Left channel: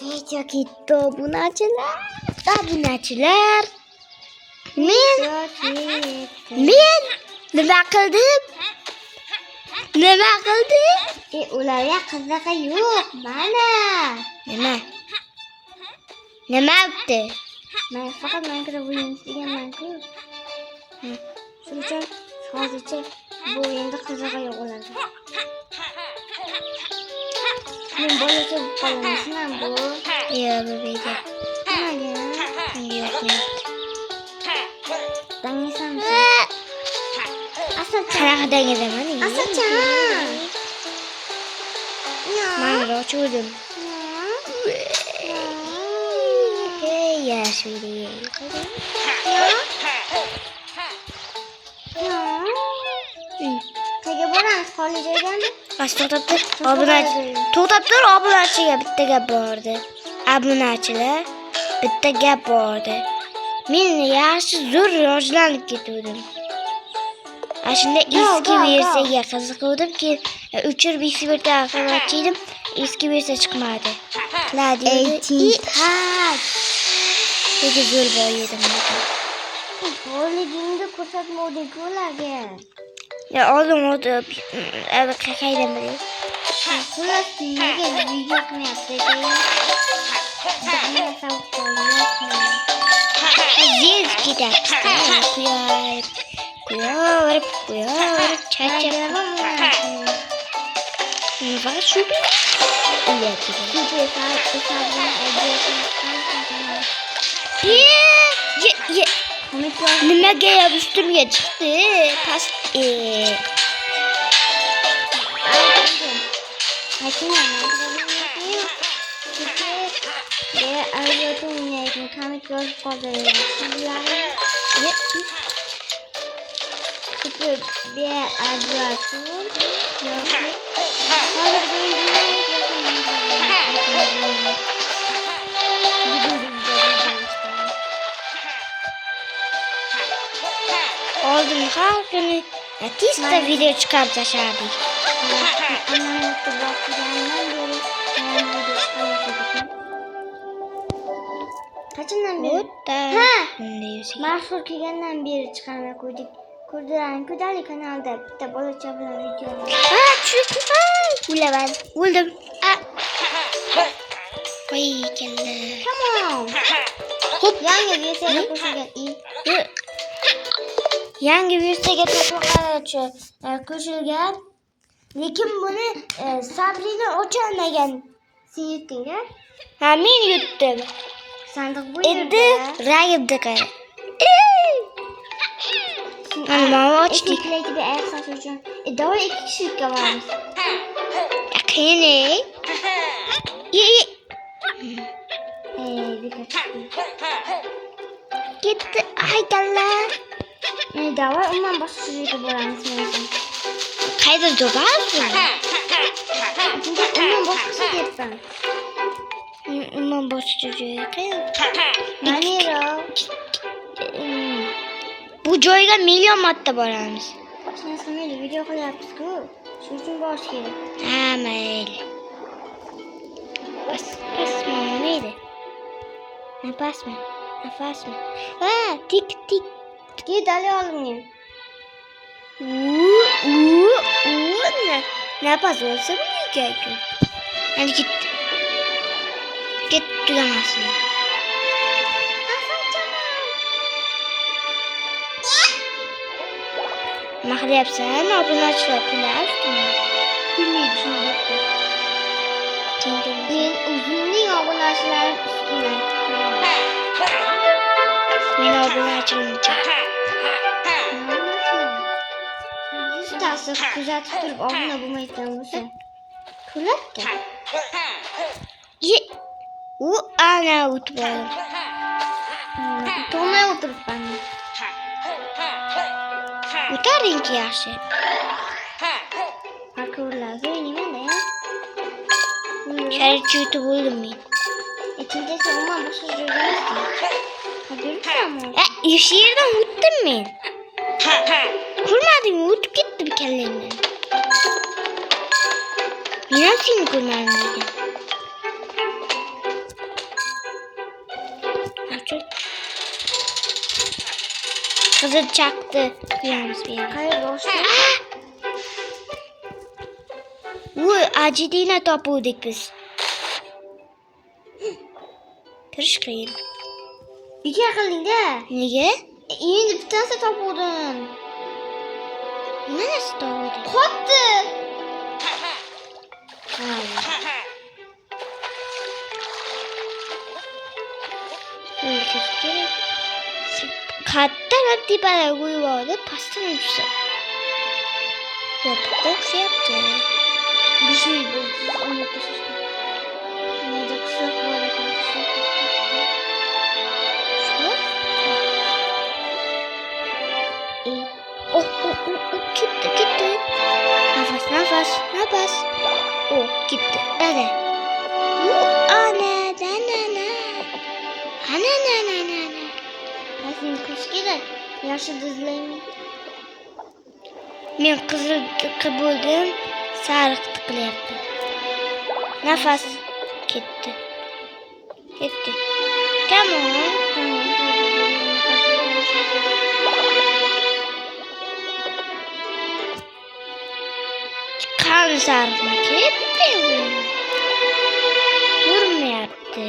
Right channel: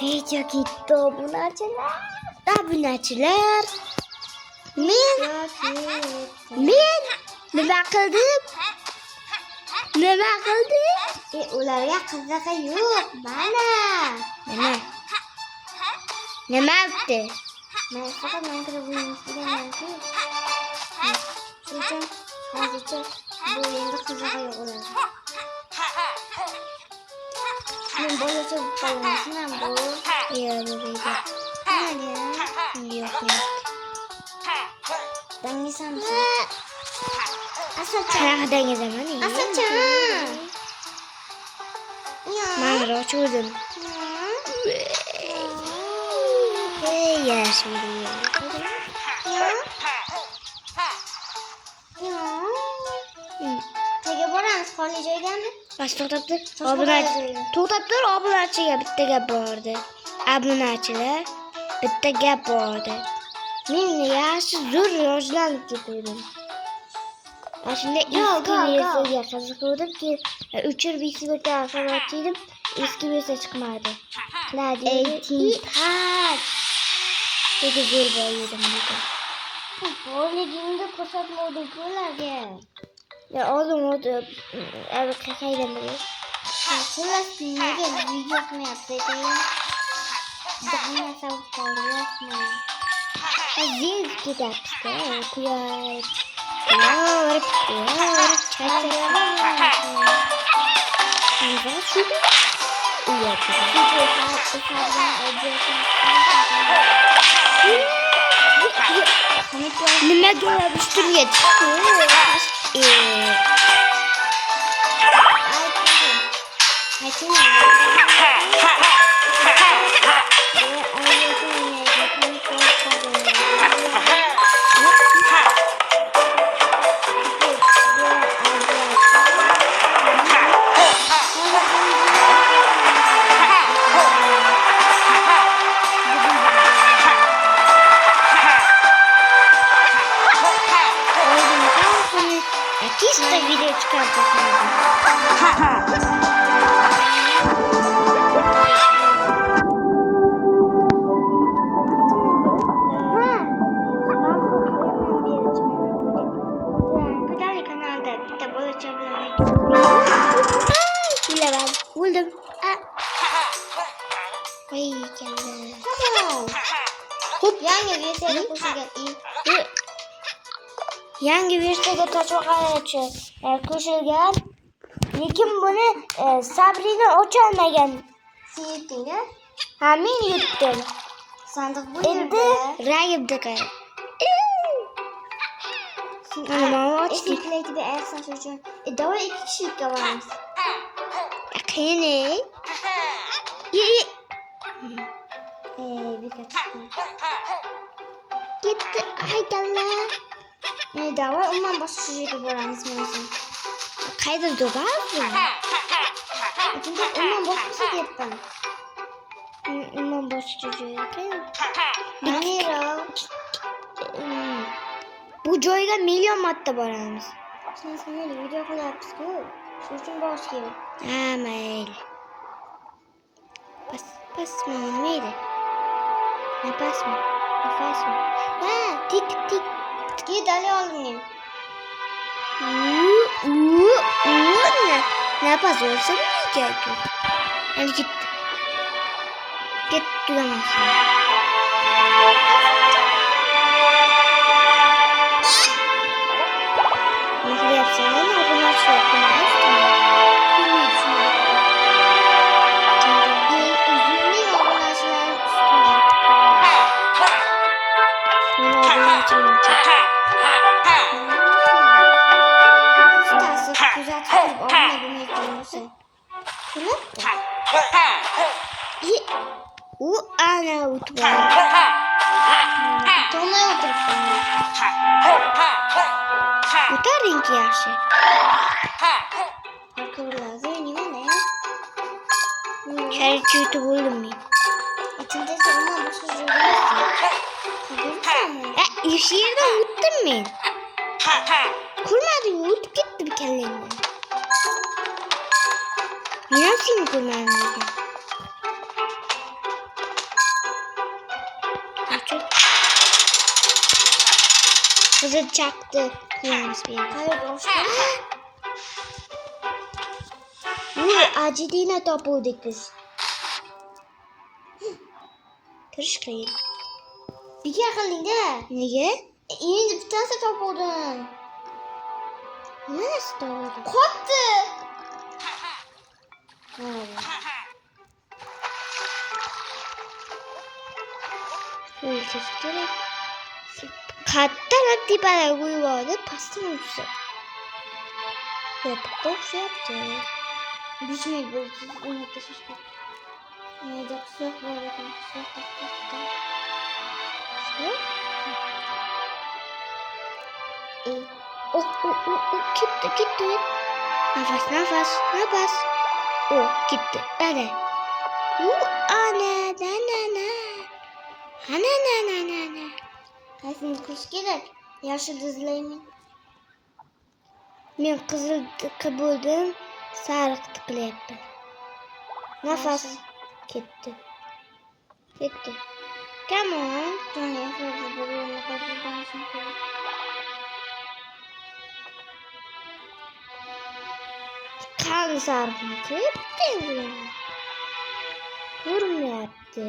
Video gitti obunachilar. Obunachilar. Men nima qildim? Nima qildim? Ularga qiziqi yo'q, mana. Nima? Nima yapti? Men faqat Minecraft o'ynash deganman-ku. Shuning uchun hozircha bu endi qizig'i yo'q ularga. Men bolacha qolmasam bu. Yo'q, bu video. Yo'q, yo'q. Dangisan. Asocha. Qanaqa dangizaman? Asocha. Mana ochuvdim. Hey, yaxshi video. Nega boramiz xoli joydami? Bas to'xtab tur. To'xtab tur, obunachiga bitta gap bordi. Obunachilar bitta gap bordi. Men yaxshi zo'r rivojlanib ketdim. Shunda eski versiyaga qiziquvdim-ki, o'chirib eski versiyaga qilmoqchi eski versiya chiqmadi. Dedi zo'r bo'ydim. Bo'ligingni ko'rsatmovdik ularga. Ya oldin qaydan bilay? Xullas, nega video qilmayapti? Zil ketyapti. Kuyarib, charchab. Va shubi? Nimaga yopishtirga chiqdi? Tista video çıkardı şimdi. Bilemem. Buldum. Vay geldi. Hop. Yangi versiyaga qo'shilgan. Yangi versiyaga qo'shilgan. Lekin buni Sabrina ocholmagan. Sen yutdingmi? Ha, men yutdim. Sandiq bu Endi rangimda qara. Mana mana ochdik. Eklaydi bir ayak saç uchun. Davay 2 kishilikka boramiz. Qani? Gitti. Haydalar. Davay umuman boshqa joyga boramiz men. Qayda do'bazmi? Umuman boshqa ketdim. Umuman boshqa joyga. Manero. Bu joyga million marta boramiz. Mayli video qilyapmiz-ku. Shuning uchun borish kerak. Ha, mayli. Pas mayli. Napasmi? Nafasmi? Ha, tik. Git ali oldimga. Napas bo'lsa kerak. Hadi git. Git tugamasın. Mahdi yapsan obunachilar kulayaptimi? Kulmaydi shuni. Uzunning obunachilar ustida. Men obunachiligimcha. Ustasi kuzatib turib obuna bo'lmay qo'ysa. Kulibdi. U ana o'tib. Tomay o'tiribdi. O'taringki yaxshi. Akıllarga o'ynayman-da. Sharchi yutib bo'ldim men. Ichimda umuman boshqa joyga emasdi. Shu yerdan o'tdim men. Ko'rmadingmi? O'tib ketdim kallangdan. Men ham seni ko'rmadim lekin. Kızıl çaktı. Kıyamız bir yere. Hayır boş ver. Uy, acidine topuduk biz. Kırış kıyın. İki akıllıydı. Niye? İyi bir tanesi top buldun. Neresi doğru? Koptu. Ülkesi gerek. Kattan di bana uyuyordu. Pastan uçsa. Yapık yaptı. Bir şey buldu. Unutmuşuz. Neydi kusura bakma. İyi. Gitti. Nafas. Gitti. Hadi. Ana. Ben senin kuş gerek. Yaşı dızlayayım. Men kızıl buldum. Sarık tıklayaptım. Nafas. Gitti. Come on. Kan sarma gitti. Vurmayaptı.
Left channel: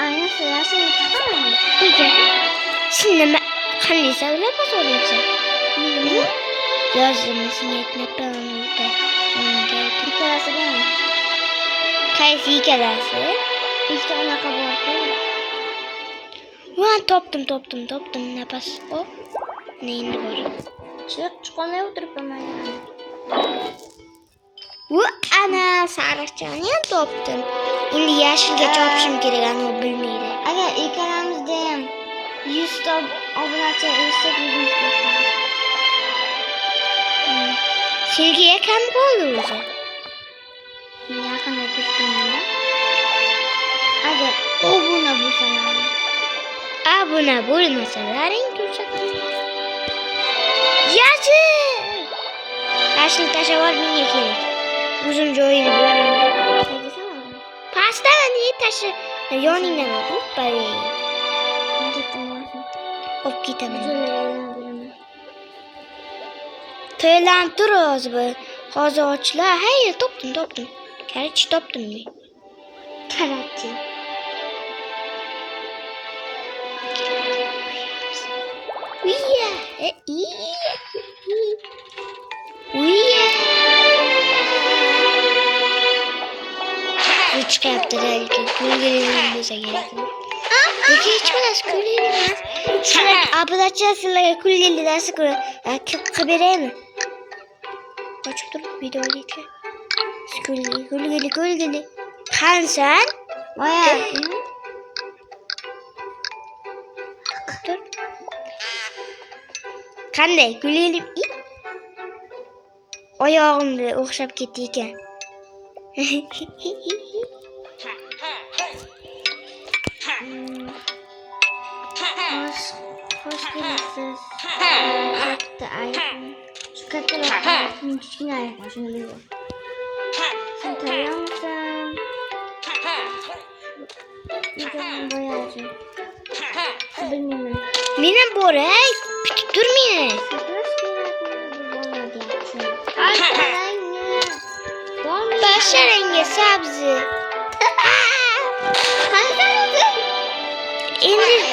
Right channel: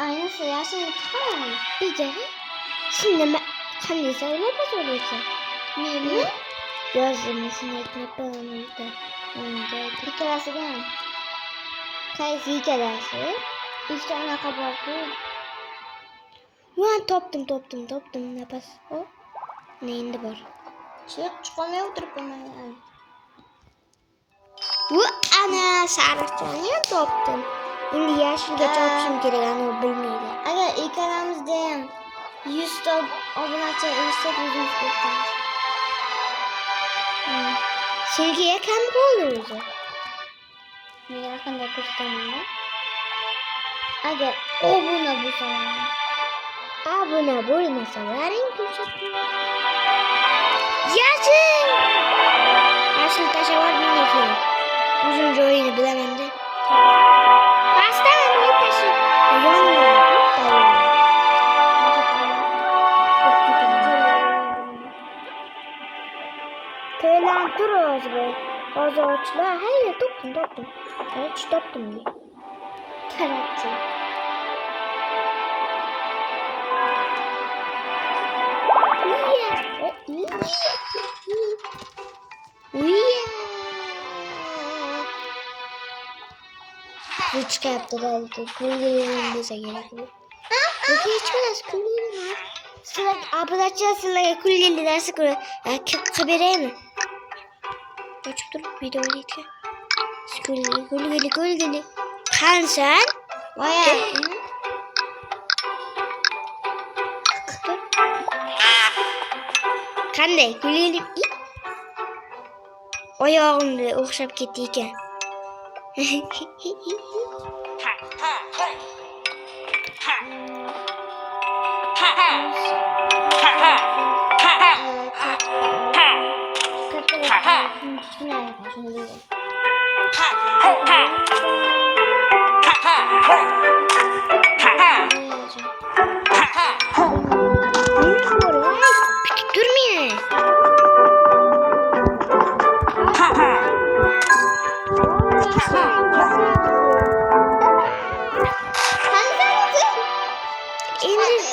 Aynen sıra seni tutamam mı? İyi. Şimdi kanıysa öyle pas olacak. Niye? Gözlemesini yetmek ben onu da. Bir kerası gelme. Kayısı iyi gelirse. İşte ona kabul etmiyorum. Ulan toptum. Ne pas o? Ne indi bu? Şu çıkmaya oturup hemen yani. Bu ana sarıkçanı toptum. Şimdi yeşilge çopşum gerek o bilmeydi. Aga ilk aramızda 100 top abonatça ölsek 100 top. Silgiye kendi koyuyoruz. Yakında kıskanıyor. Aga o buna bu sefer. Buna bulmasalar en güzel. Yeşil! Yeşil taşa var mı ne gerek? Uzunca oyunu bilemem de. Pasta niye taşı? Yani ne oldu? Böyle. Yok gitemem. Töylen duruyoruz böyle. Koza uçla. Hayır toptum. Gerçi toptum ne? Keratçı. Rüçka yaptı da gülgelerin bize gerekiyor. Peki hiç biraz gülgelemez. Sıra ablaça sıra gülgeli dersi kuru. Kabire mi? Açık dur video geçe. Gülgeli. Kan sen? Vay. Dur. Kanday gülgeli. Ayağımda okşap gittiyken. Mine buraya dur mine. Başarenge sabzı. İndir.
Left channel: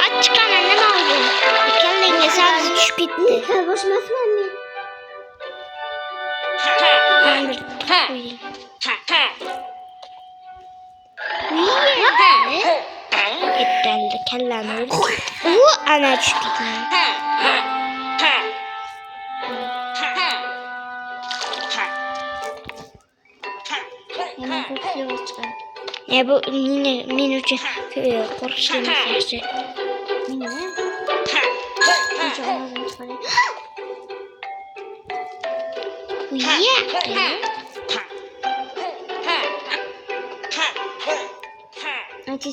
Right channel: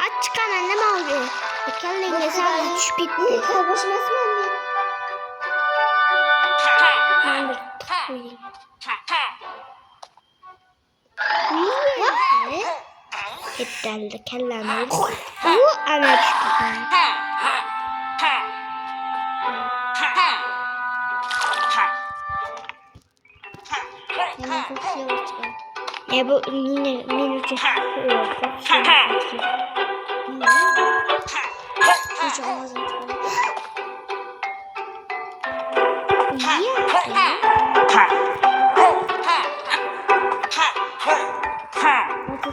Aç çıkan annem aldı. Kendine sabzı düşüp gitti. Ben de koyayım. Niye? Gitti kellem öldü. Bu ana çıktı. Ne bu yine minucu korkuyorum saçı.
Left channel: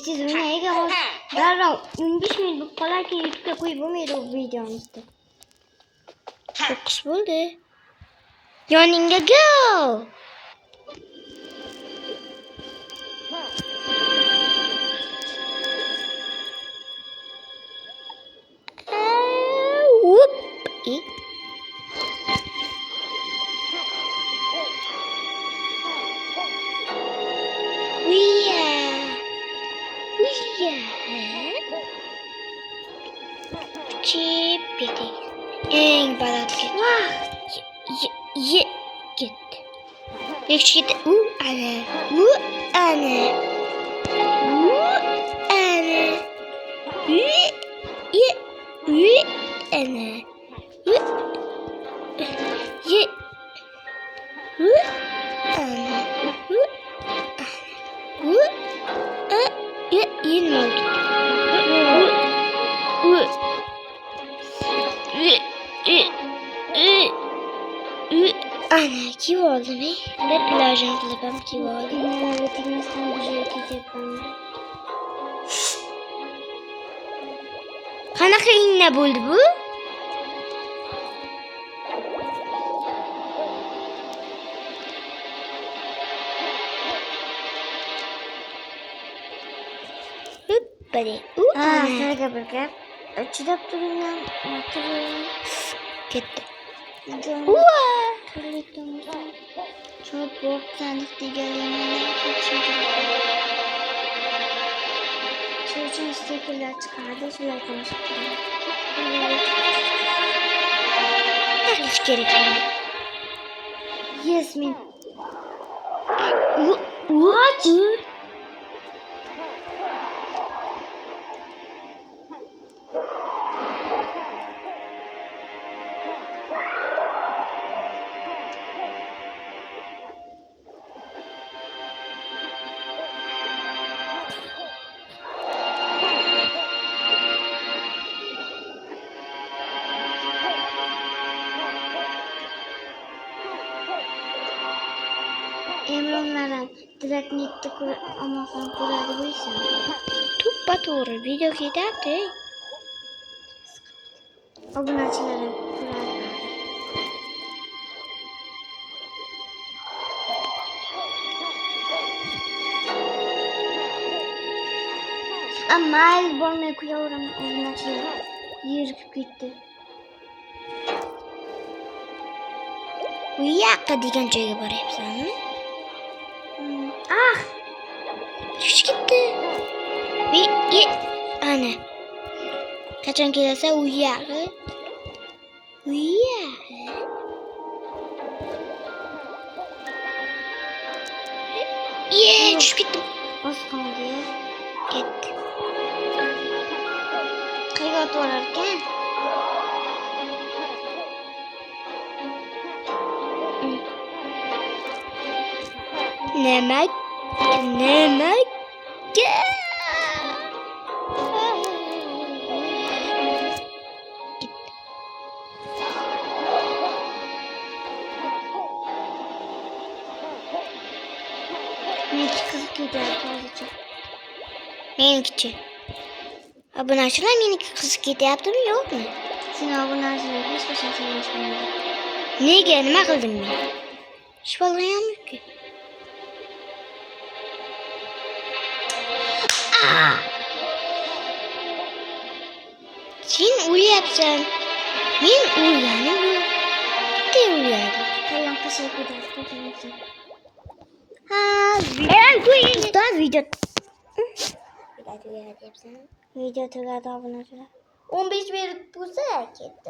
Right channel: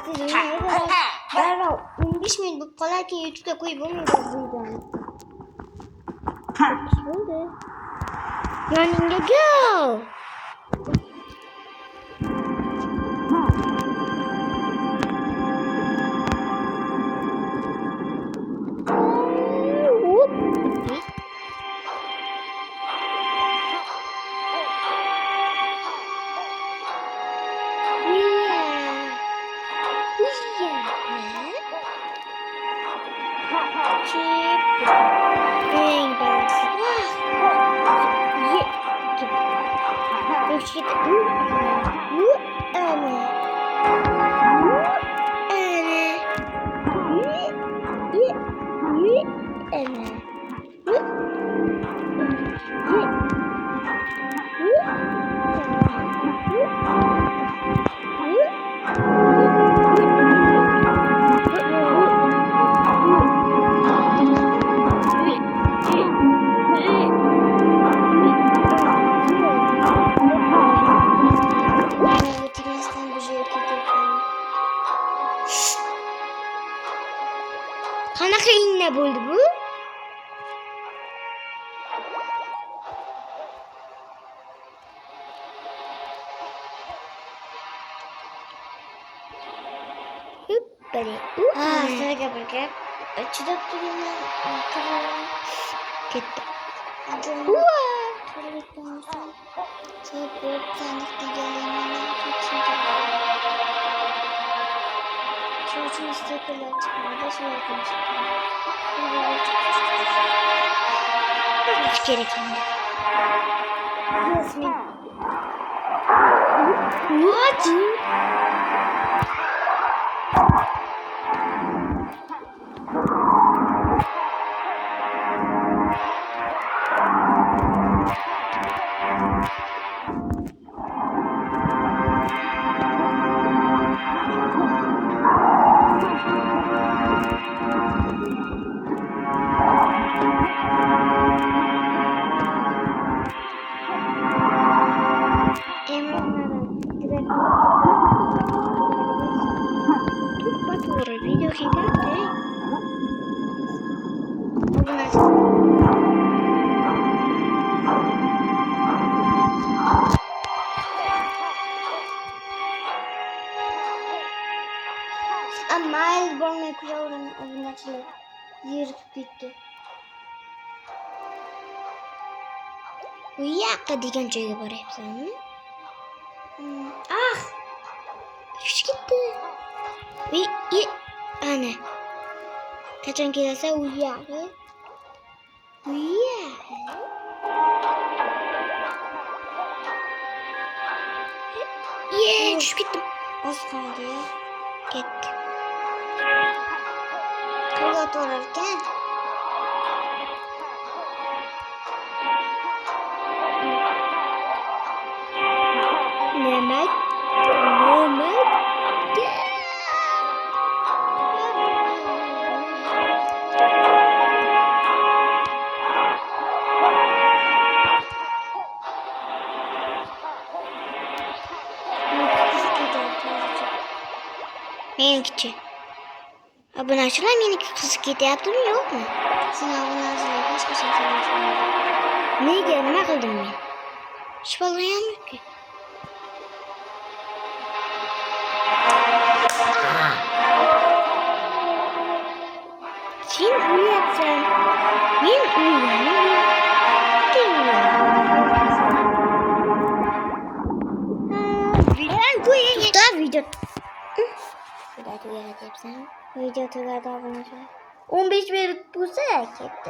Siz neye göre? Darla 15 minut kolayken YouTube'da koyup olmuyordu bu videomuzda. Çok kişi buldu. Yoning'e go. Çipidi. En balık. Ye. Gitti. Beş gitti. Ana. Ana. Ana. Ye. Ana. Ye. Ana kim oldu ne? Ne plajın kızı bak kim oldu? Ben veterinistan bir şey yapıyorum. Qanaqa inna bo'ldi bu? Hoppali. Ha, sizga bir gap. Chidab turinglar. Ketdi. Çok yok sandık deganlarni Çocuğun istekler çıkardı. Şöyle konuşuyor. Hiç gerek yok. Yasmin. What? To'g'ri video ketyapti. Mayl bo'lmay kuyovim obunachilar yirib ketdi. Bu yoqqa degan joyga boryapsanmi? Ah! Chiqib ketdi. Ana. Qachon kelsa u yoqqa. U yoqqa. Tushib ketdim. Oz qoldi. Ketdi. Qayerga to'g'rirkan? Nima? Meniki. Obunachilar meniki qiziq ketyaptimi, yo'qmi? Sen obunachilar hech qachon so'rashmaydi. Nega? Nima qildim men? Hech bo'lgan yo'q-ku. Sen o'lyapsan. Men o'lganim yo'q. Sen o'lyapsan. Video. Video tugadi obunachilar. 15 minut bo'lsa ketdi.